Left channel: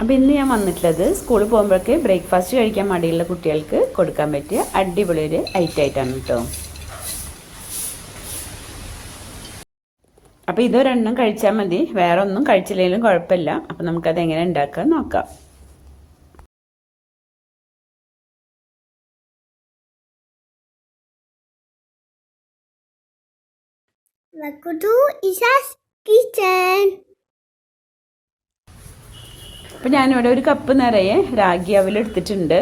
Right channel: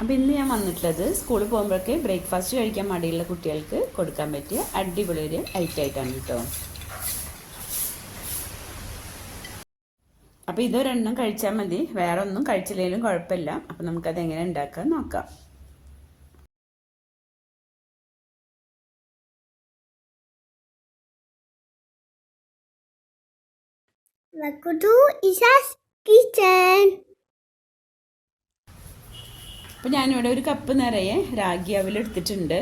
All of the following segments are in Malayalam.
അപ്പോൾ ഇന്ന് ഞാൻ വന്നിട്ടുള്ളത് സ്കൂളിൽ പോകുമ്പോഴേക്ക് ബ്രേക്ക്ഫാസ്റ്റ് കഴിക്കാൻ മടിയുള്ള കുട്ടികൾക്ക് കൊടുക്കാൻ പറ്റിയ അടിപൊളി ഒരു ഐറ്റമായിട്ടാണ് കേട്ടോ. അപ്പോൾ ഇതൊരെണ്ണം കഴിച്ചാൽ മതി, വേറെ ഒന്നും കഴിച്ചില്ലെങ്കിലും കുഴപ്പമില്ല. അപ്പോൾ നമുക്കത് എങ്ങനെ ഉണ്ടാക്കാൻ നോക്കാം. Welcome to Isha's Kitchen. അപ്പോൾ ഞാനിവിടെ ഒരു കപ്പ് നിറയെ റാഗി അവൽ എടുത്തിട്ടുണ്ട്.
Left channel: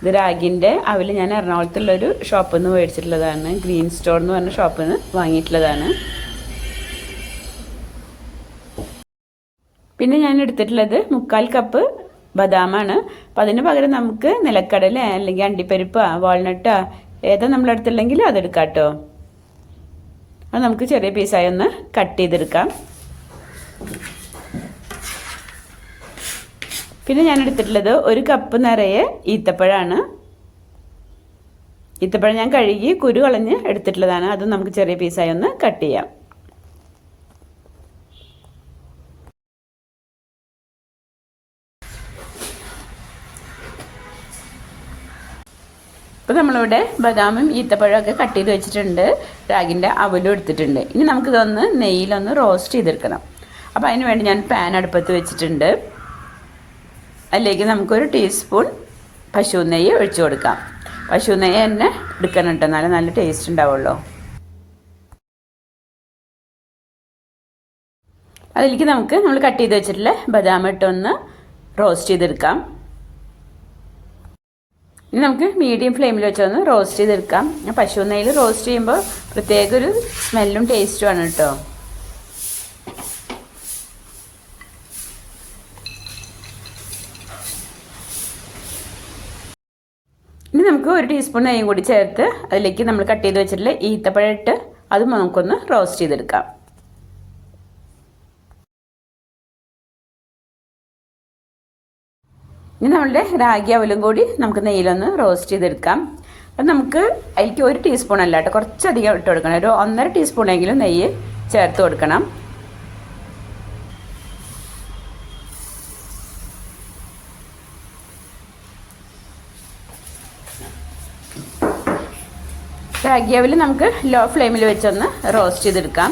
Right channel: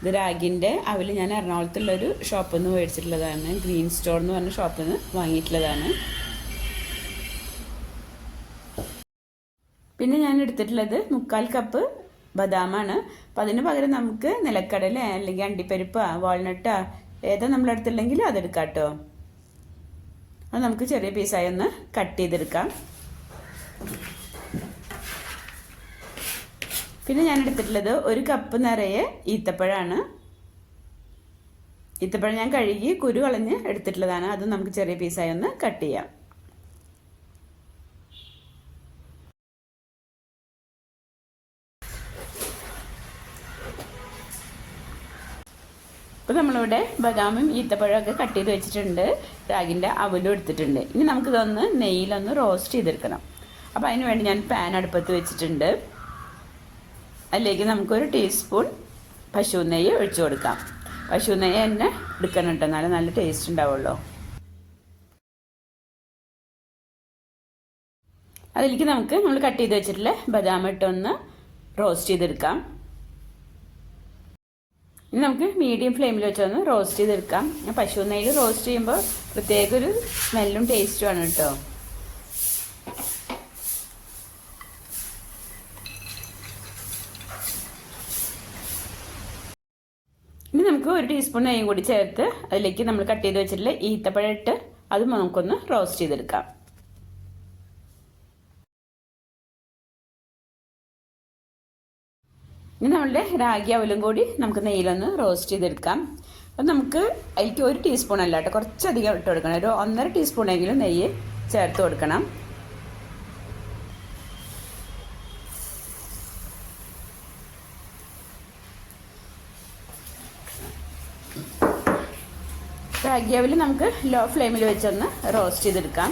ഇത് റാഗിൻ്റെ അവൽ ഞാൻ എറണാകുളത്തുള്ളൊരു ഷോപ്പിൽ നിന്ന് മേടിച്ചിട്ടുള്ളതാണ്. ഗ്രീൻ സ്റ്റോർ എന്ന് പറഞ്ഞ ഷോപ്പിൽ നിന്ന് വാങ്ങിയിട്ടുള്ളതാണ്. പിന്നെ ഞാൻ എടുത്തിട്ടുള്ളത് 3/4 കപ്പ് ബദാമാണ്. അപ്പം അതിന് പകരം നമുക്ക് നിലക്കടല അല്ലെങ്കിൽ അണ്ടിപ്പരിപ്പ് വാൾനട്ടോ ഏതാ നമ്മളെടുത്തുണ്ടെങ്കിൽ അതെടുക്കാം കേട്ടോ. അത് നമുക്ക് ചെറിയ പീസായി ഒന്ന് കട്ട് ചെയ്തെടുക്കാം. പിന്നെ ഞാൻ എടുത്തിട്ടുള്ളത് 1 കപ്പ് നിറയെ ഈത്തപ്പഴമാണ്. ഈത്തപ്പഴം ഞാൻ കഴുകി കുരു കളഞ്ഞ് എടുത്തിട്ടുള്ളതാണ്. അത് നമുക്ക് ചെറിയ പീസായി ഒന്ന് കട്ട് ചെയ്യാം. ഇപ്പോൾ നമ്മളിവിടെ ബദാമും ഈത്തപ്പഴമൊക്കെ കട്ട് ചെയ്ത് വെച്ചിട്ടുണ്ട്. റാഗിൻ്റെ അവലും എടുത്തിട്ടുണ്ട്. ഇനി നമുക്കിതൊന്ന് നെയ്യിലൊന്ന് റോസ്റ്റ് ചെയ്തെടുക്കണം. അപ്പോൾ അതിന് വേണ്ടി ഞാൻ പാൻ അടുപ്പത്ത് വെച്ചിട്ടുണ്ട്. അതിലേക്ക് നമുക്കൊരു ടീസ്പൂൺ പശു നെയ്യ് ഒഴിച്ചു കൊടുക്കാം. പശു നെയ്യ് തന്നെ എടുക്കണം കേട്ടോ, എന്നാലും നല്ല ടേസ്റ്റ് ഉണ്ടാവുള്ളൂ. അതിലേക്ക് നമ്മൾ കട്ട് ചെയ്ത് വെച്ചിട്ടുള്ള ബദാം ഇട്ടൊന്ന് റോസ്റ്റ് ചെയ്തെടുക്കാം. ഇനി നമുക്ക് മീഡിയം ഫ്ലെയിമിൽ വെച്ചൊന്ന് റോസ്റ്റ് ചെയ്തെടുക്കാം. പശു നെയ്യിൽ റോസ്റ്റ് ചെയ്യുമ്പോൾ പ്രത്യേക ഒരു സ്മെല്ലും ടേസ്റ്റുമാണ് കേട്ടോ. ഇനി നമുക്ക് 1 ടീസ്പൂൺ നെയ്യും കൂടി ചേർത്ത് അതിലേക്ക് നമ്മൾ കട്ട് ചെയ്ത് വെച്ചിട്ടുള്ള ഈത്തപ്പഴം ഇട്ട് അതും നമുക്കൊന്ന് റോസ്റ്റ് ചെയ്തെടുക്കാം. ഇനി നമ്മളുടെ റാഗി അവലും കൂടി നമുക്ക് നെയ്യിലൊന്ന് റോസ്റ്റ് ചെയ്തെടുക്കാം. അത് നമുക്ക് അതിലേക്ക് 1 ടീസ്പൂൺ അല്ല കേട്ടോ, കുറച്ചധികം ഇട്ട് കൊടുക്കണം. ഒരു 1.5 ടീസ്പൂണെങ്കിലും നെയ്യ് ചേർത്ത് കൊടുക്കണം. റാഗി അവൽ നമുക്ക് ലോ ഫ്ലെയിമിൽ വെച്ചൊന്ന് റോസ്റ്റ് ചെയ്തെടുക്കാം.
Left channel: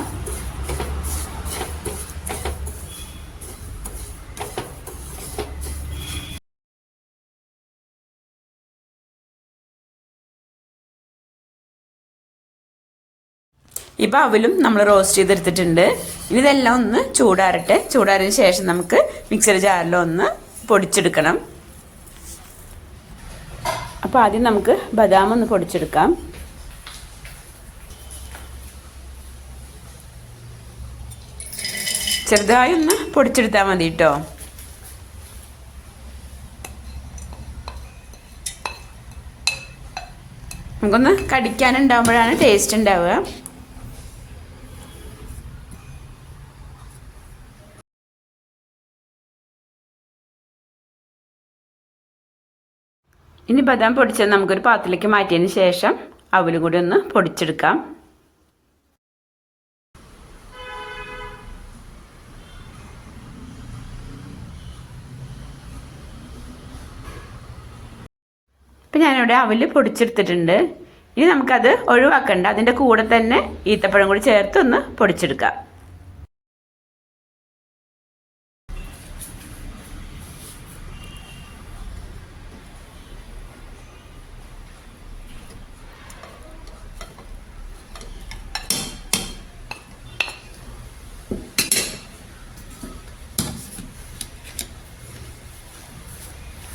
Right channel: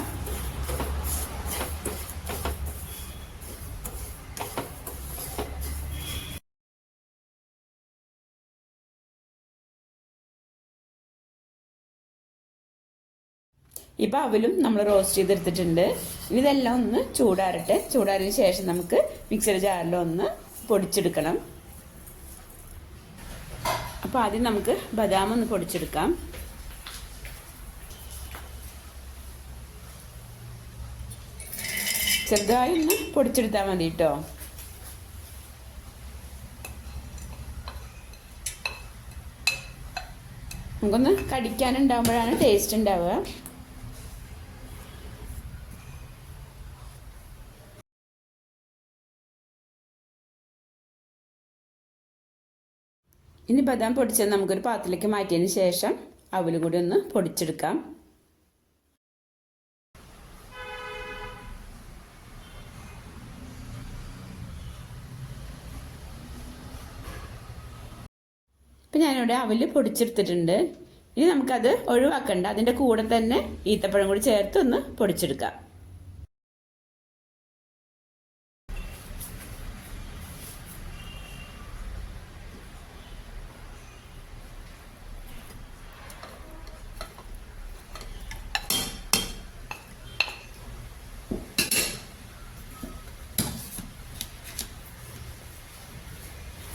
ഇപ്പോൾ അവലും നമ്മൾ റോസ്റ്റ് ചെയ്തെടുത്തിട്ടുണ്ട്. ഇനി ഇതെല്ലാം ഒന്ന് ചൂടാറട്ടെ. ചൂടാറിയതിന് ശേഷം നമുക്ക് മിക്സർ ജാറിലൊന്ന് പൊടിച്ചെടുക്കണം. അപ്പോൾ ആദ്യം നമുക്ക് ബദാം ഒന്ന് പൊടിച്ചെടുക്കാം. ചെറുതായി ഒന്ന് പൊടിച്ചെടുത്താൽ മതി കേട്ടോ. നമുക്കൊന്ന് കടിക്കാനുണ്ടാകുമ്പോഴാണ് ടേസ്റ്റ് ഉണ്ടാവുക. ഇനി ബദാം പൊടിച്ചത് നമുക്കൊരു പാത്രത്തിലേക്ക് മാറ്റിയതിന് ശേഷം അവലും കൂടി ഒന്ന് പൊടിച്ചെടുക്കാം. ഇപ്പം ഞാനിവിടെ അവല് പൊടിച്ചെടുത്തിട്ടുണ്ട്. ഇനി നമുക്കത് ഒഴിവാക്കണ്ട, അതിൻ്റെ കൂടെ തന്നെ ഈത്തപ്പഴം കൂടി ചേർത്ത് ഒന്ന് പൊടിച്ചെടുക്കാം.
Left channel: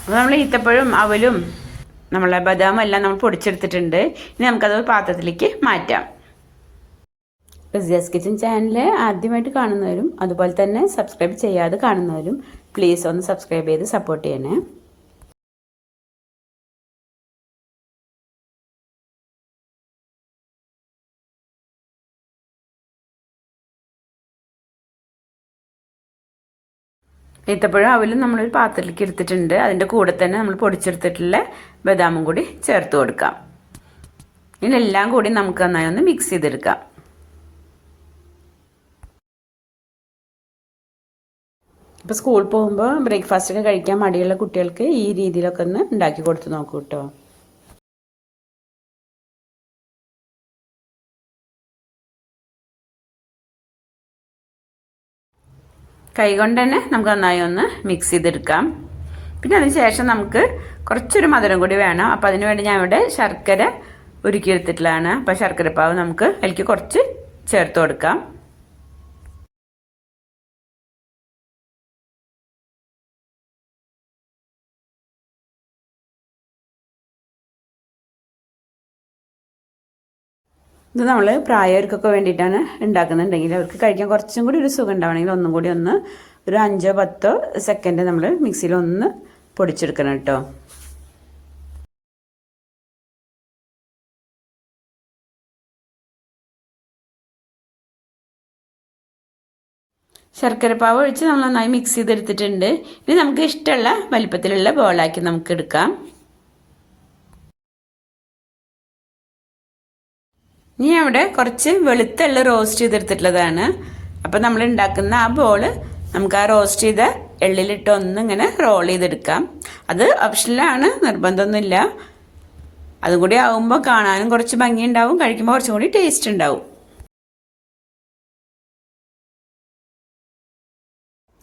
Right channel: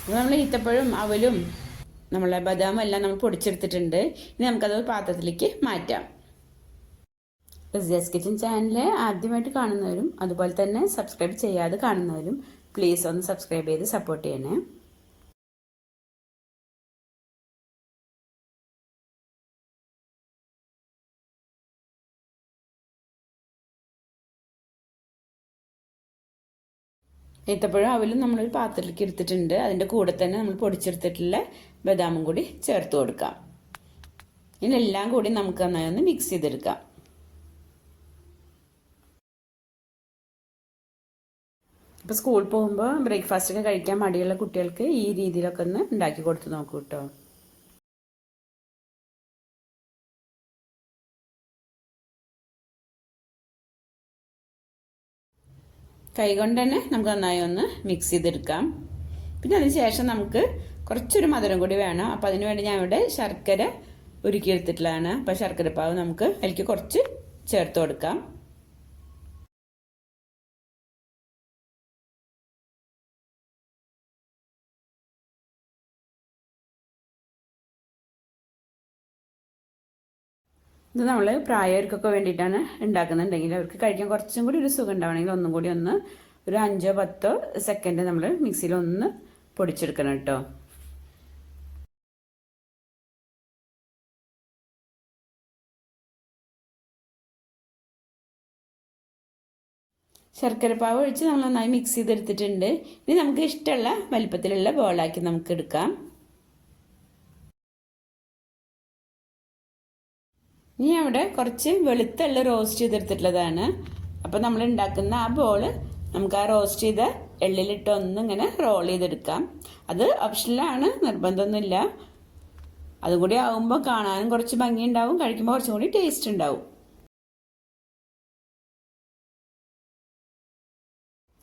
അപ്പോൾ നമ്മൾ ഈത്തപ്പഴം അവലും നമ്മളെ ബദാമും എല്ലാം നമ്മൾ പൊടിച്ചെടുത്തിട്ടുണ്ട്. ഇനി നമുക്കത് പാത്രത്തിലേക്ക് മാറ്റാം. റിസിയാസ് കിച്ചൻ ചാനൽ ആദ്യമായിട്ട് കാണുന്നവരും അതുപോലെ തന്നെ സബ്സ്ക്രൈബ് ചെയ്യാതെ കാണുന്നവരും പ്ലീസ് ഒന്ന് സബ്സ്ക്രൈബ് ചെയ്ത് സപ്പോർട്ട് ചെയ്യണേ. ഈത്തപ്പഴം അവലും നമ്മളൊരു പാത്രത്തിലേക്ക് എടുത്തിട്ടുണ്ട്. അതിൻ്റെ കൂടെ തന്നെ നമ്മൾ പൊടിച്ചെടുത്തിട്ടുള്ള ബദാമും കൂടി ചേർത്ത് കൊടുക്കാം. ഇതിനെല്ലാം കൂടി നമുക്ക് നന്നായി ഒന്ന് മിക്സ് ചെയ്തെടുക്കാം. അപ്പോൾ സ്കൂളിൽ പോകുമ്പോൾ ബ്രേക്ക്ഫാസ്റ്റ് ഒക്കെ കഴിക്കാൻ മടിയുള്ള കുട്ടികൾക്ക് ഈ രീതിയിലൊക്കെ ഒന്ന് ഉണ്ടാക്കി കൊടുത്ത് നോക്കൂ കേട്ടോ. കൈകൊണ്ട് തന്നെ നമുക്ക് നന്നായി ഒന്ന് മിക്സ് ചെയ്തെടുക്കാം. പിന്നെ അതിന് ശേഷം നമുക്ക് കുറച്ചൊരു മധുരം കൂടി വേണം. അപ്പോൾ അതിന് വേണ്ടി ഞാൻ ഇവിടെ ശർക്കര ഉരുക്കിയെടുത്തിട്ടുള്ളതാണ്. അപ്പോൾ ശർക്കരപ്പാവ് നമുക്ക് അതിലേക്ക് കുറച്ച് ചേർത്ത് കൊടുക്കാം. ഇത് നമ്മൾ പ്രായവർക്കൊക്കെ വേണ്ടിയിട്ടാണ് ഉണ്ടാക്കുന്നുണ്ടെങ്കിൽ അവർക്ക് കഴിക്കാൻ കുറച്ചും കൂടി ഒരു സുഖം ഉണ്ടാവണമെങ്കിൽ ഒന്നും കൂടി ഒന്ന് ഒരു 5-10 സെക്കൻഡ് നമ്മൾ മിക്സിയിൽ ഒന്ന് പൊടിച്ചെടുക്കണം കേട്ടോ. ശർക്കരപ്പാവ് ഒഴിച്ച് നമ്മൾ നന്നായി മിക്സ് ചെയ്തെടുത്തിട്ടുണ്ട്. ഇനി നമുക്ക് ഇഷ്ടമുള്ള വലിപ്പത്തിലുള്ള ബോളാക്കി നമുക്ക് എടുക്കാം. ഇനി അവിടെ കുറച്ച് വെളുത്തുള്ള റോസ്റ്റ് ചെയ്തെടുത്തിട്ടുള്ളതാണ്. അപ്പം നമ്മൾ ഉണ്ടാക്കുന്ന ആ ബോള് നമുക്ക് ആ റോസ്റ്റ് ചെയ്ത എള്ളിലിട്ട് ഒന്നിങ്ങനെ റോൾ ചെയ്തെടുക്കാം. അത് ഓപ്ഷനിലാണ്, നിർബന്ധമൊന്നുമില്ല. അതും കൂടി ആകുമ്പോൾ കാണാനും കുറച്ച് ഭംഗി ഉണ്ടാവും, കഴിക്കുമ്പോൾ കുറച്ചും കൂടി ടേസ്റ്റ് ഉണ്ടാവും.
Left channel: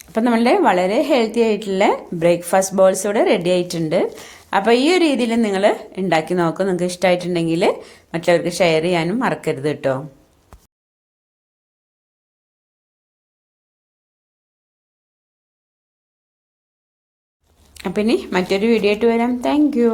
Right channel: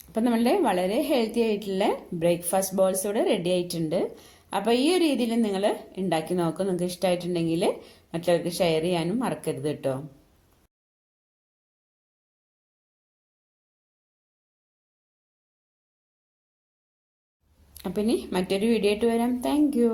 അപ്പം നമ്മളുടെ വളരെ ഹെൽത്തി ആയിട്ടുള്ള ബ്രേക്ക്ഫാസ്റ്റ് ബോൾസ് ഇവിടെ റെഡി ആയിട്ടുണ്ട്. അപ്പോൾ ഈ ഒരു രീതിയിൽ നിങ്ങൾ ഉണ്ടാക്കി നോക്കും. നിങ്ങൾക്ക് ഇഷ്ടമായിട്ടുണ്ടെങ്കിൽ മറ്റുള്ളവർക്ക് ഷെയർ ചെയ്യാനും മറക്കരുത് കേട്ടോ. അപ്പം ഇനി മറ്റൊരു വീഡിയോ ആയിട്ട് വരാം. Thank you.